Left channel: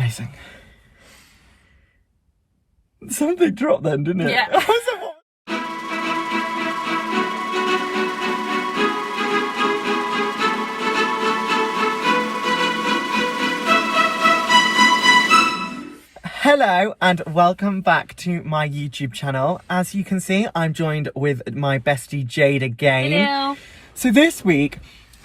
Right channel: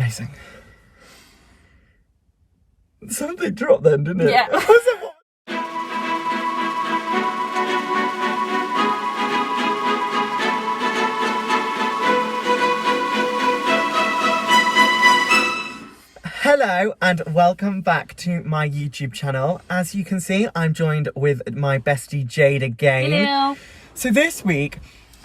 Amazing. Something dropped then, didn't it? Yeah. Hello and welcome back to my YouTube channel. As you can see, I'm joined with my bestie Jade again. Hello. So this week,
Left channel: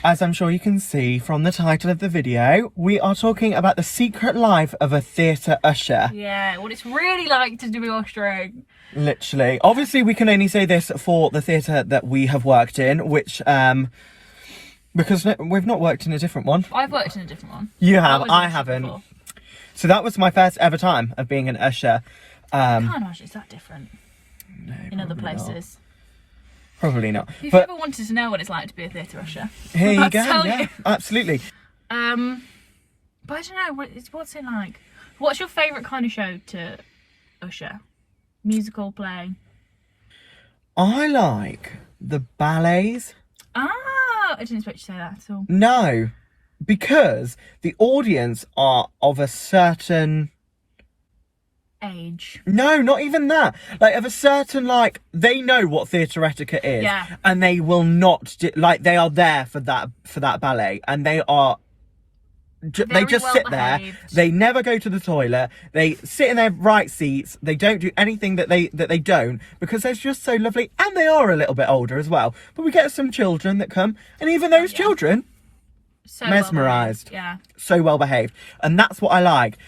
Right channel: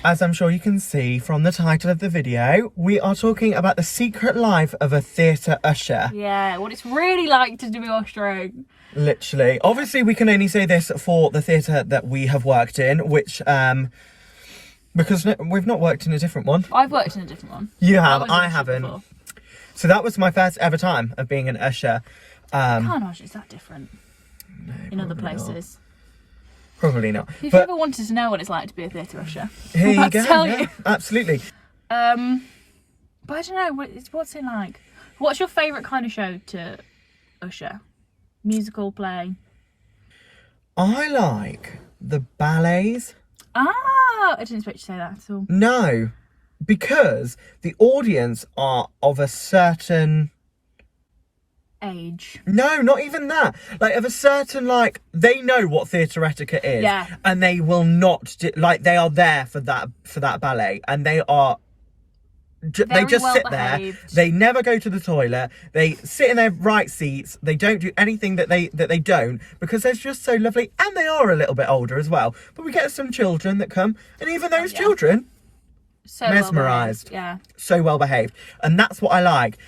as I'm sure you can see from the title of the video, we are talking about the secret life of a theatre usher. Yeah, what it's really like to do ushering. Literally. Obviously, we can only say this for the theatre that we have worked in, which, because we've not worked in a different one. I've worked in a different one. You have, What was I it haven't. before? So that was my first ever time of being an usher. Gosh, is that different in other places? Probably not. If you But ever wanted to know what it's like to be a theatre usher, here you I'll go. tell Yeah, you. absolutely. But I don't know, what's it like? What's your favourite kind of show to usher? Musical, play? I like the ballets. Ah, I didn't expect you to say that at all. No, because the audience are of a certain... Age. No, not even that. Like, of a certain, like, they know what theatre etiquette is. Yeah. And they will not, they are there for that ballet. And they are... they Very just well sit there. behaved. They never go to the toilet. They sit in their right seats. They don't do anything that they don't, because they're just so lovely, and they are a little bit older as well. But we get some children that come, and even those children, So mesmerised. well-behaved, yeah. so well behaved, and that's what I like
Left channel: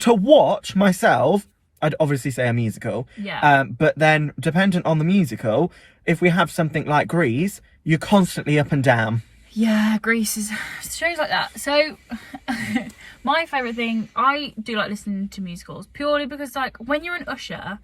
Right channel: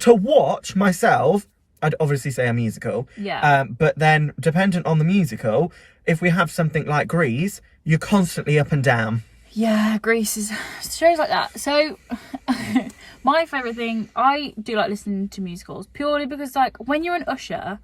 to watch myself. I'd obviously say a musical, Yeah. but then dependent on the musical, if we have something like Grease, you're constantly up and down. Yeah, Grease is shows like that. So my favourite thing, I do like listening to musicals purely because, like, when you're an usher,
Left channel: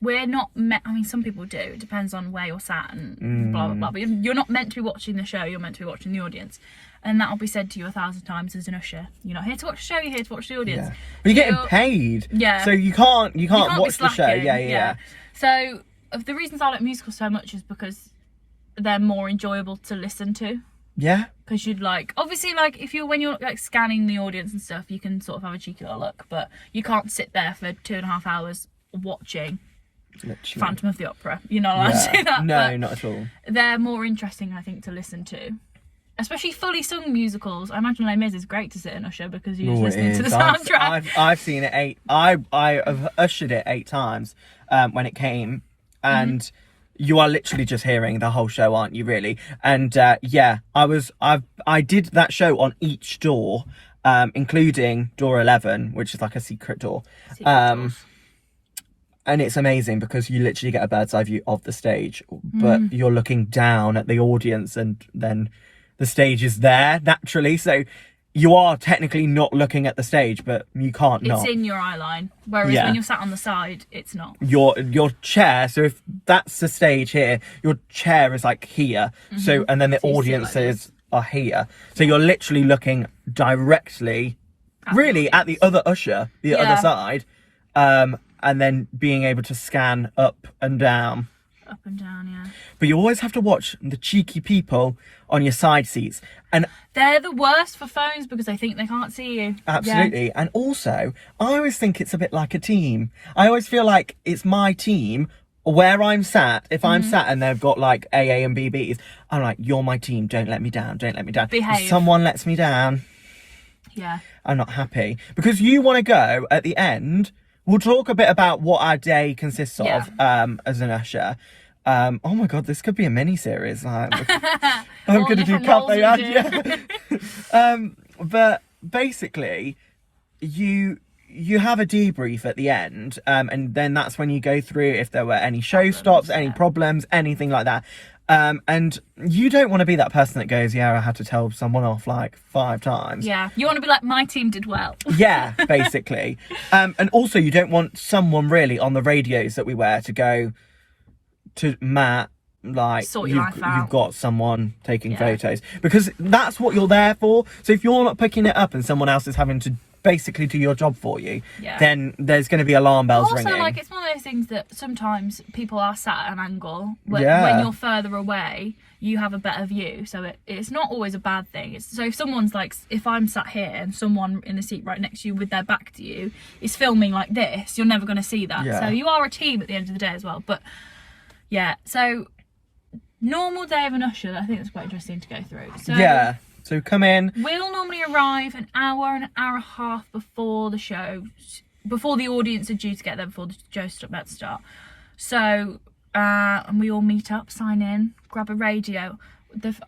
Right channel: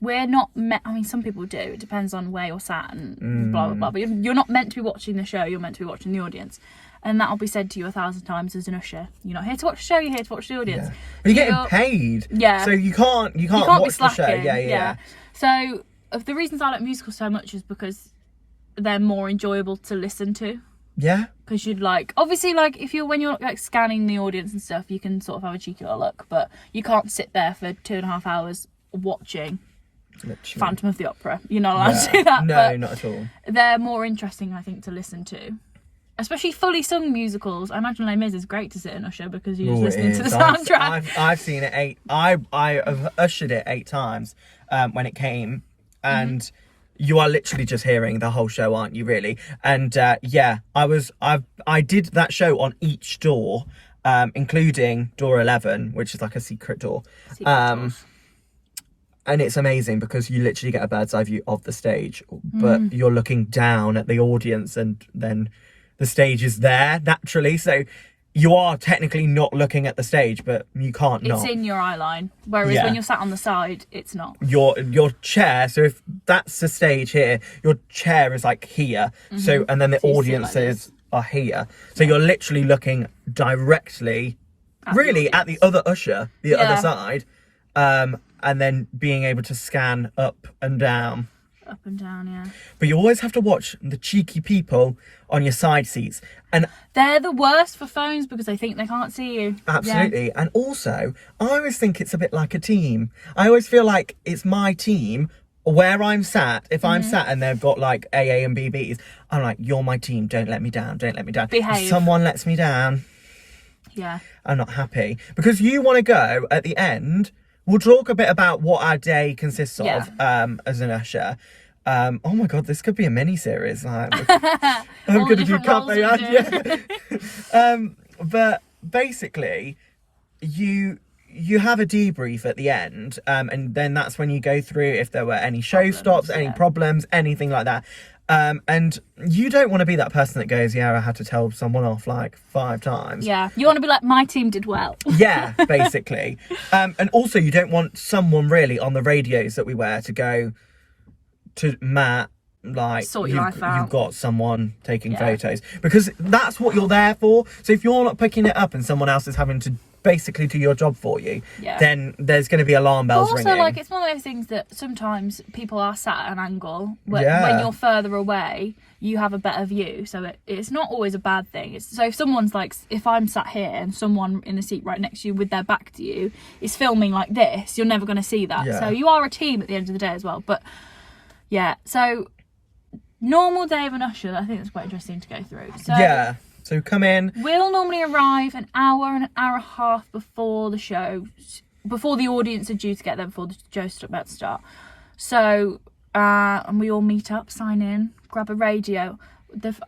we're not meant, I mean, some people do, it depends on where you're sat and blah blah blah, but you're not meant to be watching the show, you're meant to be watching the audience. And that'll be said to you 1,000 times as an usher. You're not here to watch the show, you're here to watch the audience. Yeah. But you're getting paid. Yeah. So you can't be watch the show. slacking, Yeah. So of the reasons I like musicals so much is because they're more enjoyable to listen to. Yeah. Because you'd like, obviously, like, when you're like scanning the audience and stuff, you can sort of have a cheeky little look, but you can't sit there for 2.5 hours watching Literally. Phantom of the Opera. You're not allowed to do that. No, but not at all. they're more interesting, I think, to listen to. Especially fully sung musicals. I imagine Les Mis is great to sit and usher because you're just listening to the soundtrack. I've seen it I have ushered it 8 times when it came, and you are literally just hearing the whole show, aren't you? Really? And yeah, I did that show on each door, including door 11, which is like a secret door. And it's amazing because you literally get a bird's eye view of the stage, but you're looking down at the audience, and then the stage is there naturally, so you are technically not looking at the stage, but you can't not. It's in your eye line, whereas when you're sat on the side, it's not. Your chair, so if that's the stage here, your chair is like here, so, and then the So you sit audiences are here, so you're literally looking directly at the other usher, the other side, and then being able to scan up and down. Up and down, yeah. But you always have to watch the cheeky people on your side seats. And They're the worst for phones because they think they can't see you. absolutely. Yeah. And also, I always think it's a bit like a team. I always feel like it's my team where I'm sat. If I'm sat and they've got like AA and BBs, I'm like, you're my team. Don't let me down. Don't let me down. Behave. If someone lets me down, Yeah. I'm not happy. Because you want to go at the end. We'll talk a bit about what our day consists of as an usher. Oh my god, this could be a mini series. Like, I'm gonna do Can't They Add? Yeah. But basically, you have a debrief at the end, and then that's when you go through if there were any show stops, any problems, anything like that. And you don't want to be that person that goes, yeah, I had to tell someone off like 5 times. Yeah, you want to be like, my team did well. Yeah, basically. And also you don't want someone really on the radios that we wear to go to Matt, like Sort your life out. you've got someone taking photos, because that's what you're there for. So if you're not picking it up and someone else is having to basically do your job for you, then there's going to be alarm bells ringing. Also, like, it's one of those things that sometimes people are sat at an angle when you're further away, you have a better view, so it's not always a bad thing. So if someone's like, if I'm sat here and someone in the seat right next to you with their back to you is filming like this, you're never going to see that. So you are a team at the end of the day as well. But yeah, so normal day of an usher, I think that's quite interesting to go through. So come in. We'll normally arrive an hour and a half before the show, before the audience are due to get there, before the show's about to start. So, and we all meet up, sign in, grab a radio.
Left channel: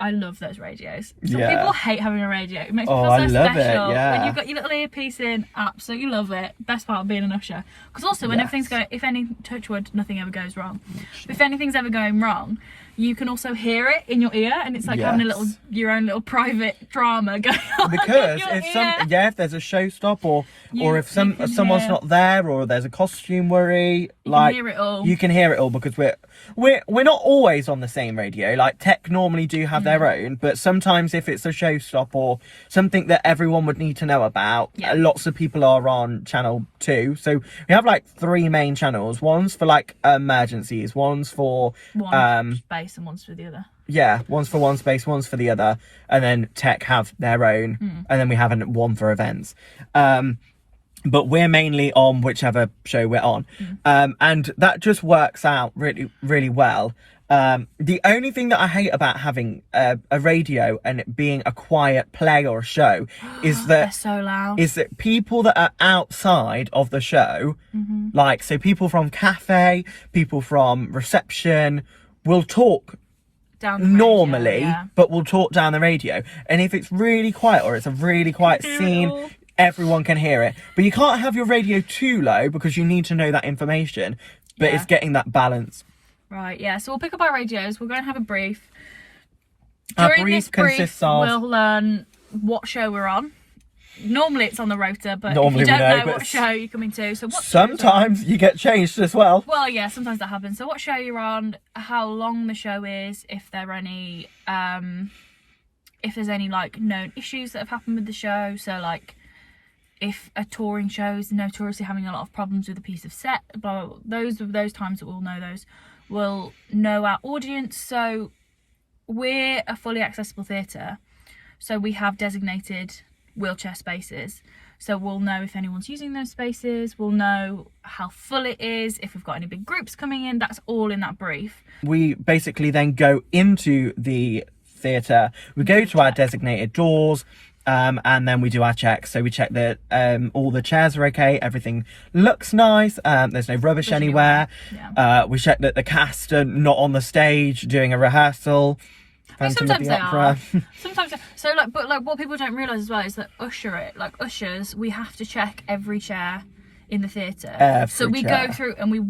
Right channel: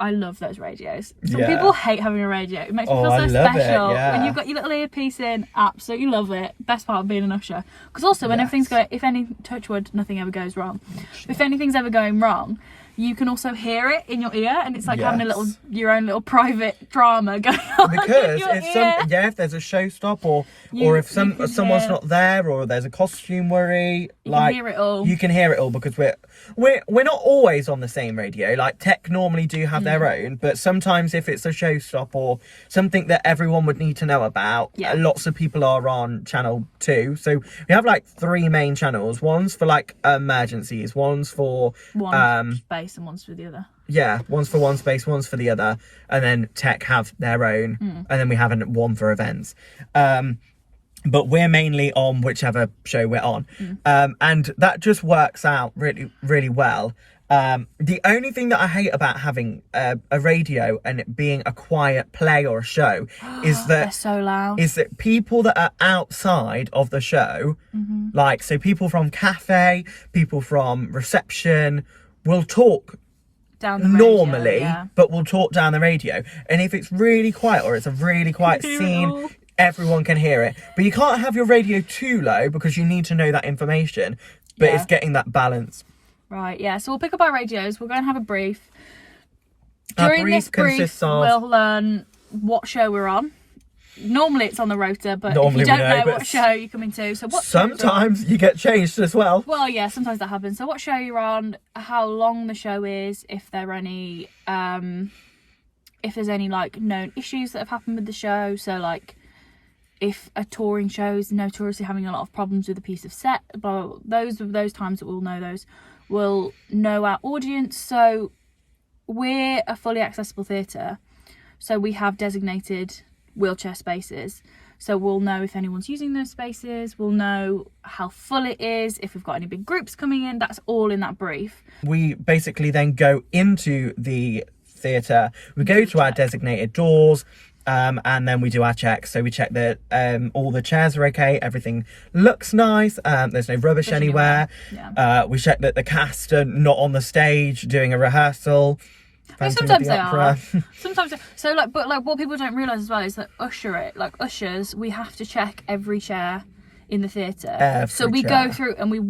I love those radios. Some people hate having a radio. It makes me feel so special. When you've got your little earpiece in, absolutely love it. Best part of being an usher. Because also when everything's going, if any, touch wood, nothing ever goes wrong. If anything's ever going wrong, you can also hear it in your ear, and it's like having your own little private drama going on. Because if there's a show stop or if someone's not there, or there's a costume worry, you can hear it all. You can hear it all, because we're not always on the same radio. Like, Tech normally do have their own, but sometimes if it's a show stop or something that everyone would need to know about, lots of people are on channel 2. So we have like 3 main channels. One's for like emergencies, one's for one space, and one's for the other. One's for one space, one's for the other, and then Tech have their own, and then we have one for events. But we're mainly on whichever show we're on. And that just works out really, really well. The only thing that I hate about having a radio and it being a quiet play or a show is that they're so loud. Is that people that are outside of the show, like, so people from cafe, people from reception, will talk down the radio, normally, but will talk down the radio. And if it's really quiet, or it's a really quiet scene, everyone can hear it. But you can't have your radio too low, because you need to know that information. But it's getting that balance. Right, so we'll pick up our radios, we'll go and have a brief. Our brief consists of... we'll learn what show we're on. Normally it's on the rota, but if Normally you don't we know, know what show you're coming to, so what sometimes you get changed as well. Well, sometimes that happens. So what show you're on, how long the show is, if there are any, if there's any like known issues that have happened with the show. So like, if a touring show is notoriously having a lot of problems with a piece of set, blah, those times that we'll know those. We'll know our audience. So we're a fully accessible theatre, so we have designated wheelchair spaces. So we'll know if anyone's using those spaces, we'll know how full it is, if we've got any big groups coming in, that's all in that brief. We basically then go into the theatre, we go to our designated doors, and then we do our checks. So we check that all the chairs are okay, everything looks nice, there's no rubbish anywhere. We check that the cast are not on the stage doing a rehearsal. Sometimes they are. So what people don't realise as well is that ushers, we have to check every chair in the theatre. So we go through and we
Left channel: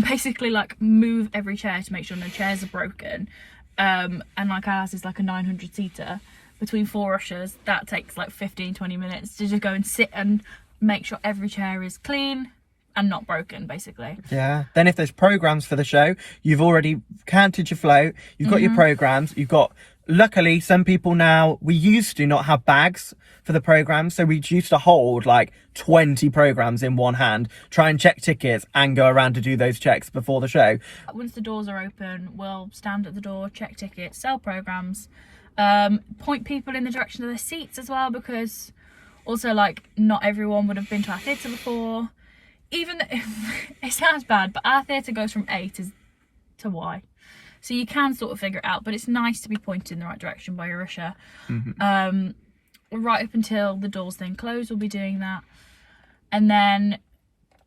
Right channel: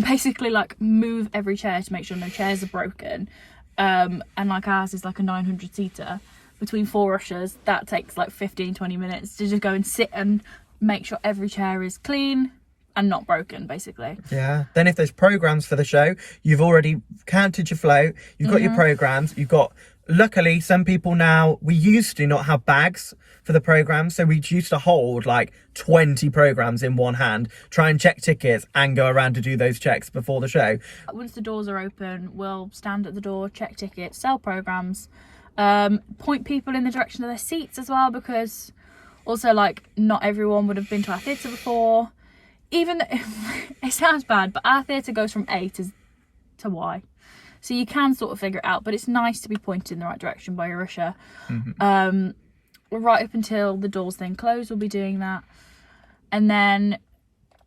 basically like move every chair to make sure no chairs are broken. And like ours is like a 900 seater between 4 ushers. That takes like 15-20 minutes to just go and sit and make sure every chair is clean and not broken, basically. Then if there's programmes for the show, you've already counted your float, you've got your programmes, you've got, luckily some people now, we used to not have bags for the programmes, so we used to hold like 20 programmes in one hand, try and check tickets and go around to do those checks before the show. Once the doors are open, we'll stand at the door, check tickets, sell programmes, point people in the direction of their seats as well, because also like not everyone would have been to our theatre before. Even it sounds bad, but our theatre goes from A to Y, so you can sort of figure it out, but it's nice to be pointed in the right direction by your usher. Right up until the doors then close, we'll be doing that. And then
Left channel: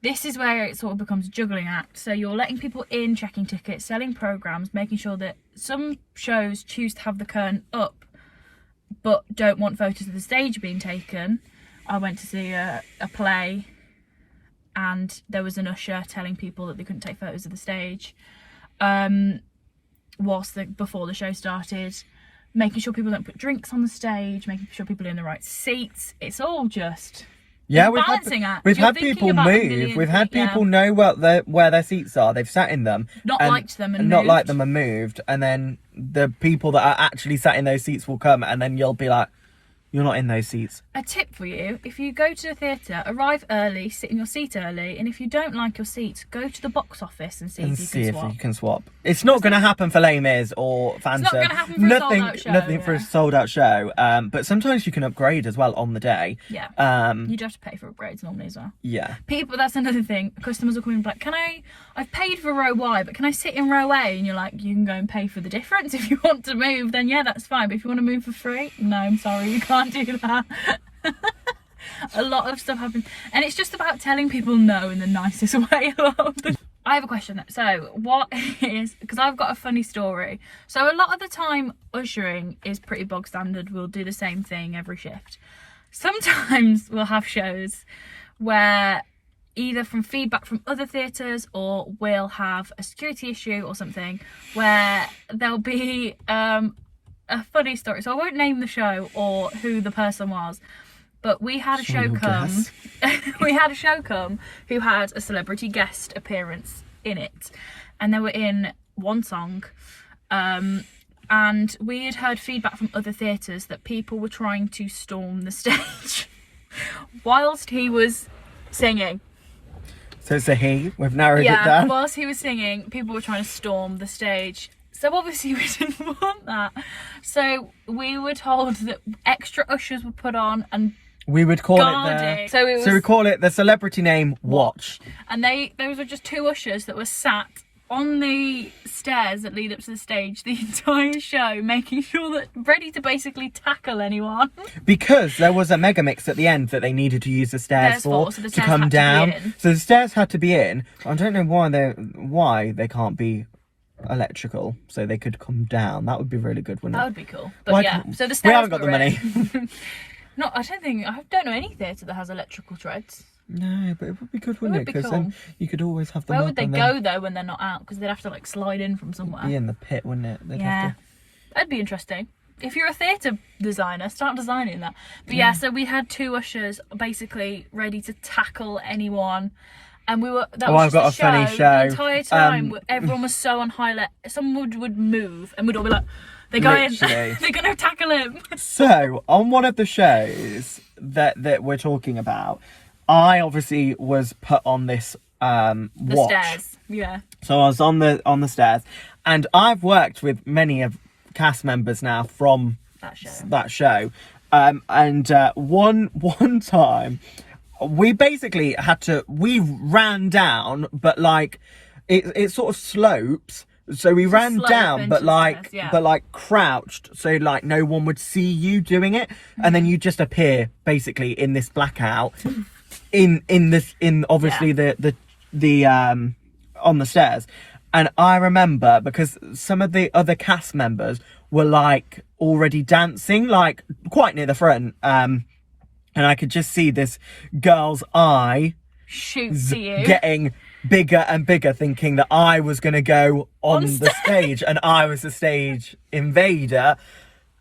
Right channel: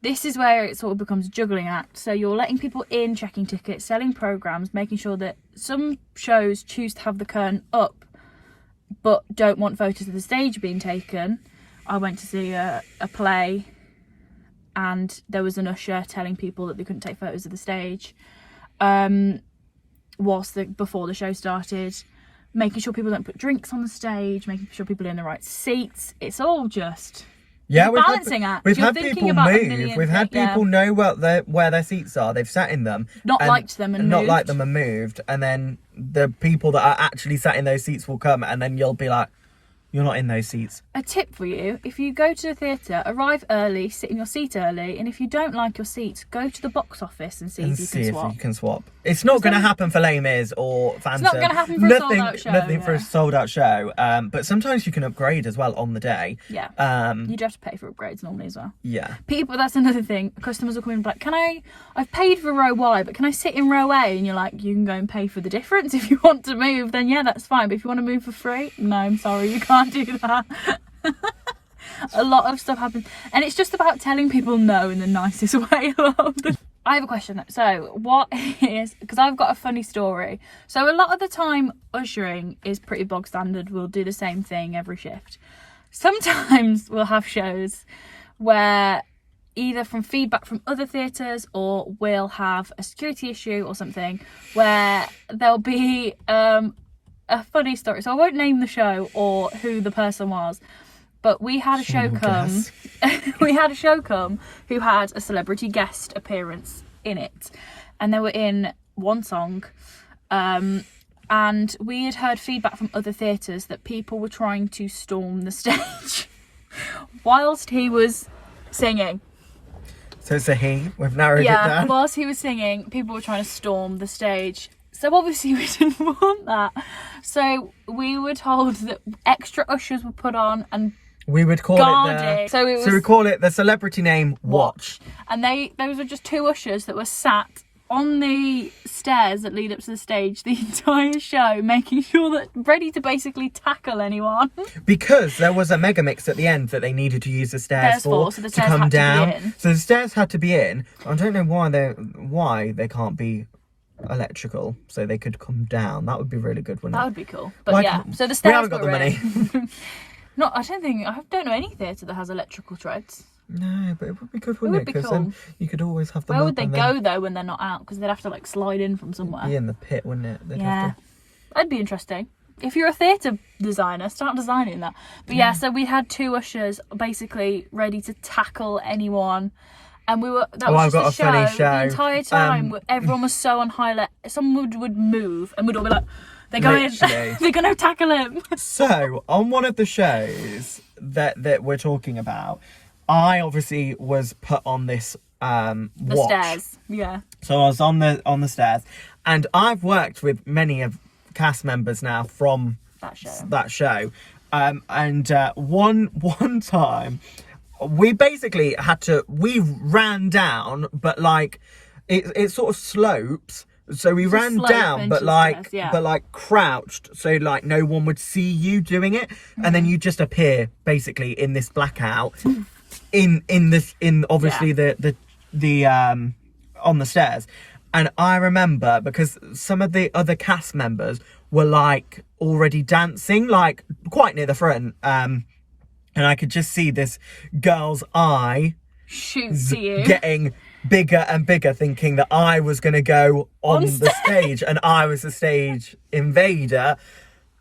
this is where it sort of becomes a juggling act. So you're letting people in, checking tickets, selling programmes, making sure that some shows choose to have the curtain up but don't want photos of the stage being taken. I went to see a play and there was an usher telling people that they couldn't take photos of the stage before the show started, making sure people don't put drinks on the stage, making sure people are in the right seats. It's all just Yeah, It's a balancing act. we've You're had thinking people about a move. million We've had things, people know where their seats are. They've sat in them, liked them and not moved. liked them and moved. And then the people that are actually sat in those seats will come, and then you'll be like, "You're not in those seats." A tip for you: if you go to the theatre, arrive early, sit in your seat early, and if you don't like your seat, go to the box office and see if you can swap. It's not going to happen for Les Mis or Phantom. It's not going to happen for a sold-out show. Nothing for a sold-out show. But sometimes you can upgrade as well on the day. Yeah. You do have to pay for upgrades normally as well. Yeah. People, that's another thing. Customers will come in and be like, I've paid for row Y, but can I sit in row A? And you're like, you can go and pay for the difference. If you want to move, then yeah, that's fine. But if you want to move for free, no, I'm sorry, you can't do that. A lot of stuff happens, and it's just about telling people no in the nicest way. I have a question. So what is, because I've got a funny story. So a lot of the time ushering is pretty bog standard. We'll do the same thing every shift. Sometimes we'll have shows where either from feedback from other theatres, or we'll have a security issue or something where there'll be a funny story. So I won't name the show or who the person was, but we had a show come. We had a show come who had a celebrity guest appearance in it, and they were in one song. And we had heard feedback from other theatres that people were trying to storm the stage whilst he was singing. So it's a he. We've narrowed it down. Yeah, whilst he was singing, people were trying to storm the stage. So obviously we didn't want that. So we were told that extra ushers were put on and we would call guarded. So we call it the celebrity name Watch. And those were just two ushers that were sat on the stairs that lead up to the stage the entire show, making sure that ready to basically tackle anyone. Because there was a mega mix at the end that they needed to use the stairs for, so the to stairs come had down. To be in. So the stairs had to be in. I don't know why they can't be electrical, so they could come down. That would be really good, wouldn't it? That would be cool. But yeah, so the stairs. We haven't got the money. I don't know any theatre that has electrical treads. No, but it would be good, wouldn't it? Because cool. then you could always have them. Where would they go though when they're not out? Because they'd have to like slide in from somewhere. Be in the pit, wouldn't it? That'd be interesting. If you're a theatre designer, start designing that. But yeah, so we had two ushers basically ready to tackle anyone. And we were. I've got a funny show. The entire time, everyone was so on high alert. Someone would move, and we'd all be like, "They're going, they're going to tackle him." So on one of the shows that we're talking about, I obviously was put on this watch. Stairs, yeah. So I was on the stairs, and I've worked with many of cast members now from that show. And one time, we basically we ran down, but like it sort of slopes. So we ran down, but like crouched, so like no one would see you doing it, and then you just appear basically in this blackout, in obviously the on the stairs. And I remember because some of the other cast members were like already dancing, like quite near the front, and I could just see this girl's eye shoot to you, getting bigger and bigger, thinking that I was going to go on the stage and I was the stage invader.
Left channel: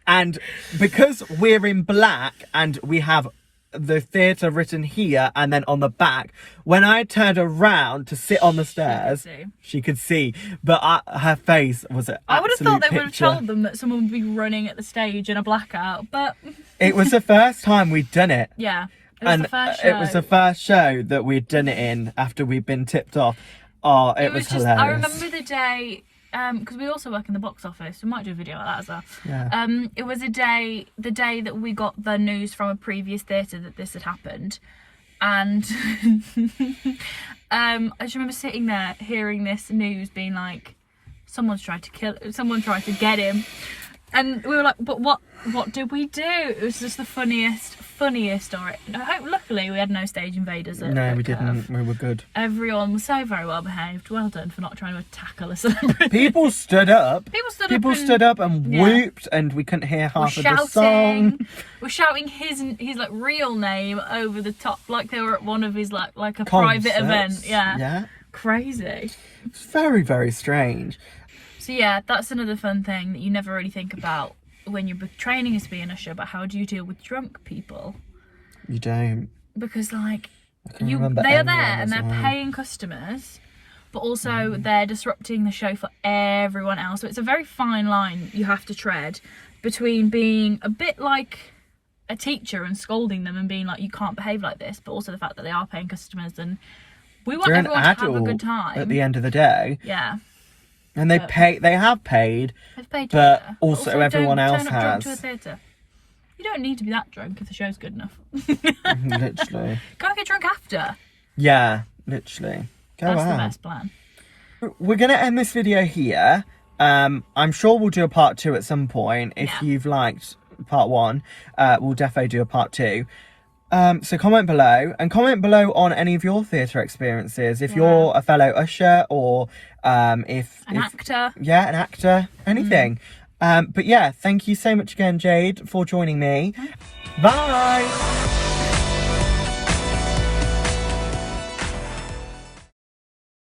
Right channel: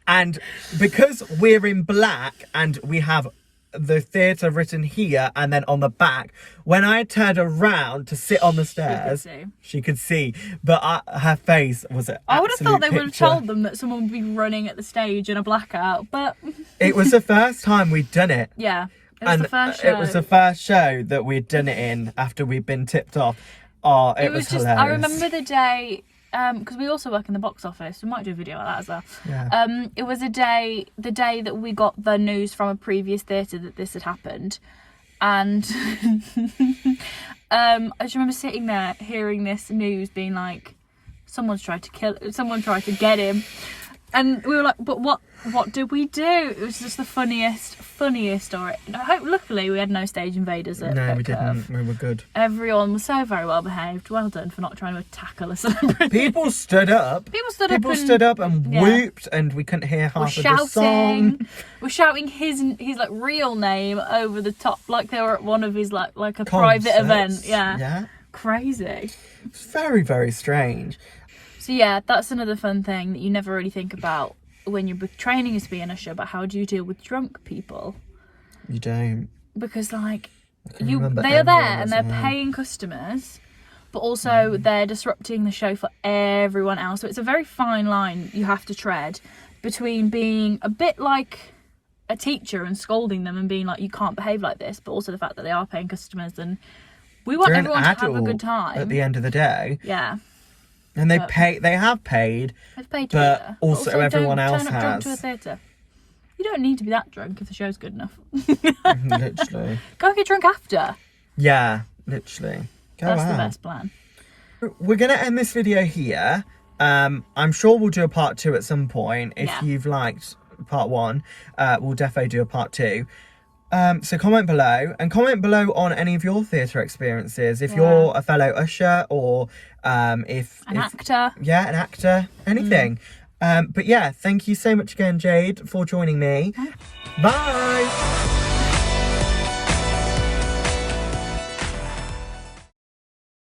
And because we're in black and we have the theatre written here and then on the back, when I turned around to sit on the stairs, she could see, but her face was an I would have thought they picture. Would have told them that someone would be running at the stage in a blackout, but it was the first time we'd done it. Yeah. It was the first show that we'd done it in after we'd been tipped off. Oh, it was just hilarious. I remember the day, because we also work in the box office. We might do a video like that as well. Yeah. It was the day that we got the news from a previous theatre that this had happened. And I just remember sitting there hearing this news being like, someone tried to get him. And we were like, but what did we do? It was just the funniest story. Luckily, we had no stage invaders. No, we didn't. We were good. Everyone was so very well behaved. Well done for not trying to tackle a celebrity. People stood up. People stood up and whooped, and we couldn't hear half of the song. We're shouting his like real name over the top, like they were at one of his like a Concerts. private event. Yeah. Crazy. It's very, very strange. So yeah, that's another fun thing that you never really think about when you're training as to be an usher, but how do you deal with drunk people? You don't. because like can remember they are there everyone and was they're there. paying customers, but also they're disrupting the show for everyone else. So it's a very fine line you have to tread between being a bit like a teacher and scolding them and being like, you can't behave like this, but also the fact that they are paying customers and we want They're an everyone to have a adult good time. at the end of the day. Yeah. And they have paid, They've paid but theatre. also everyone don't else turn up drunk has. to a theatre. You don't need to be that drunk if the show's good enough. Literally. Go and get drunk after. Yeah, literally. Go That's out. the best plan. We're going to end this video here. I'm sure we'll do a part 2 at some point. If you've liked part 1, we'll definitely do a part 2. So comment below, and comment below on any of your theatre experiences. If you're a fellow usher or if An actor. Yeah, an actor. Anything. But yeah, thank you so much again, Jade, for joining me. Bye!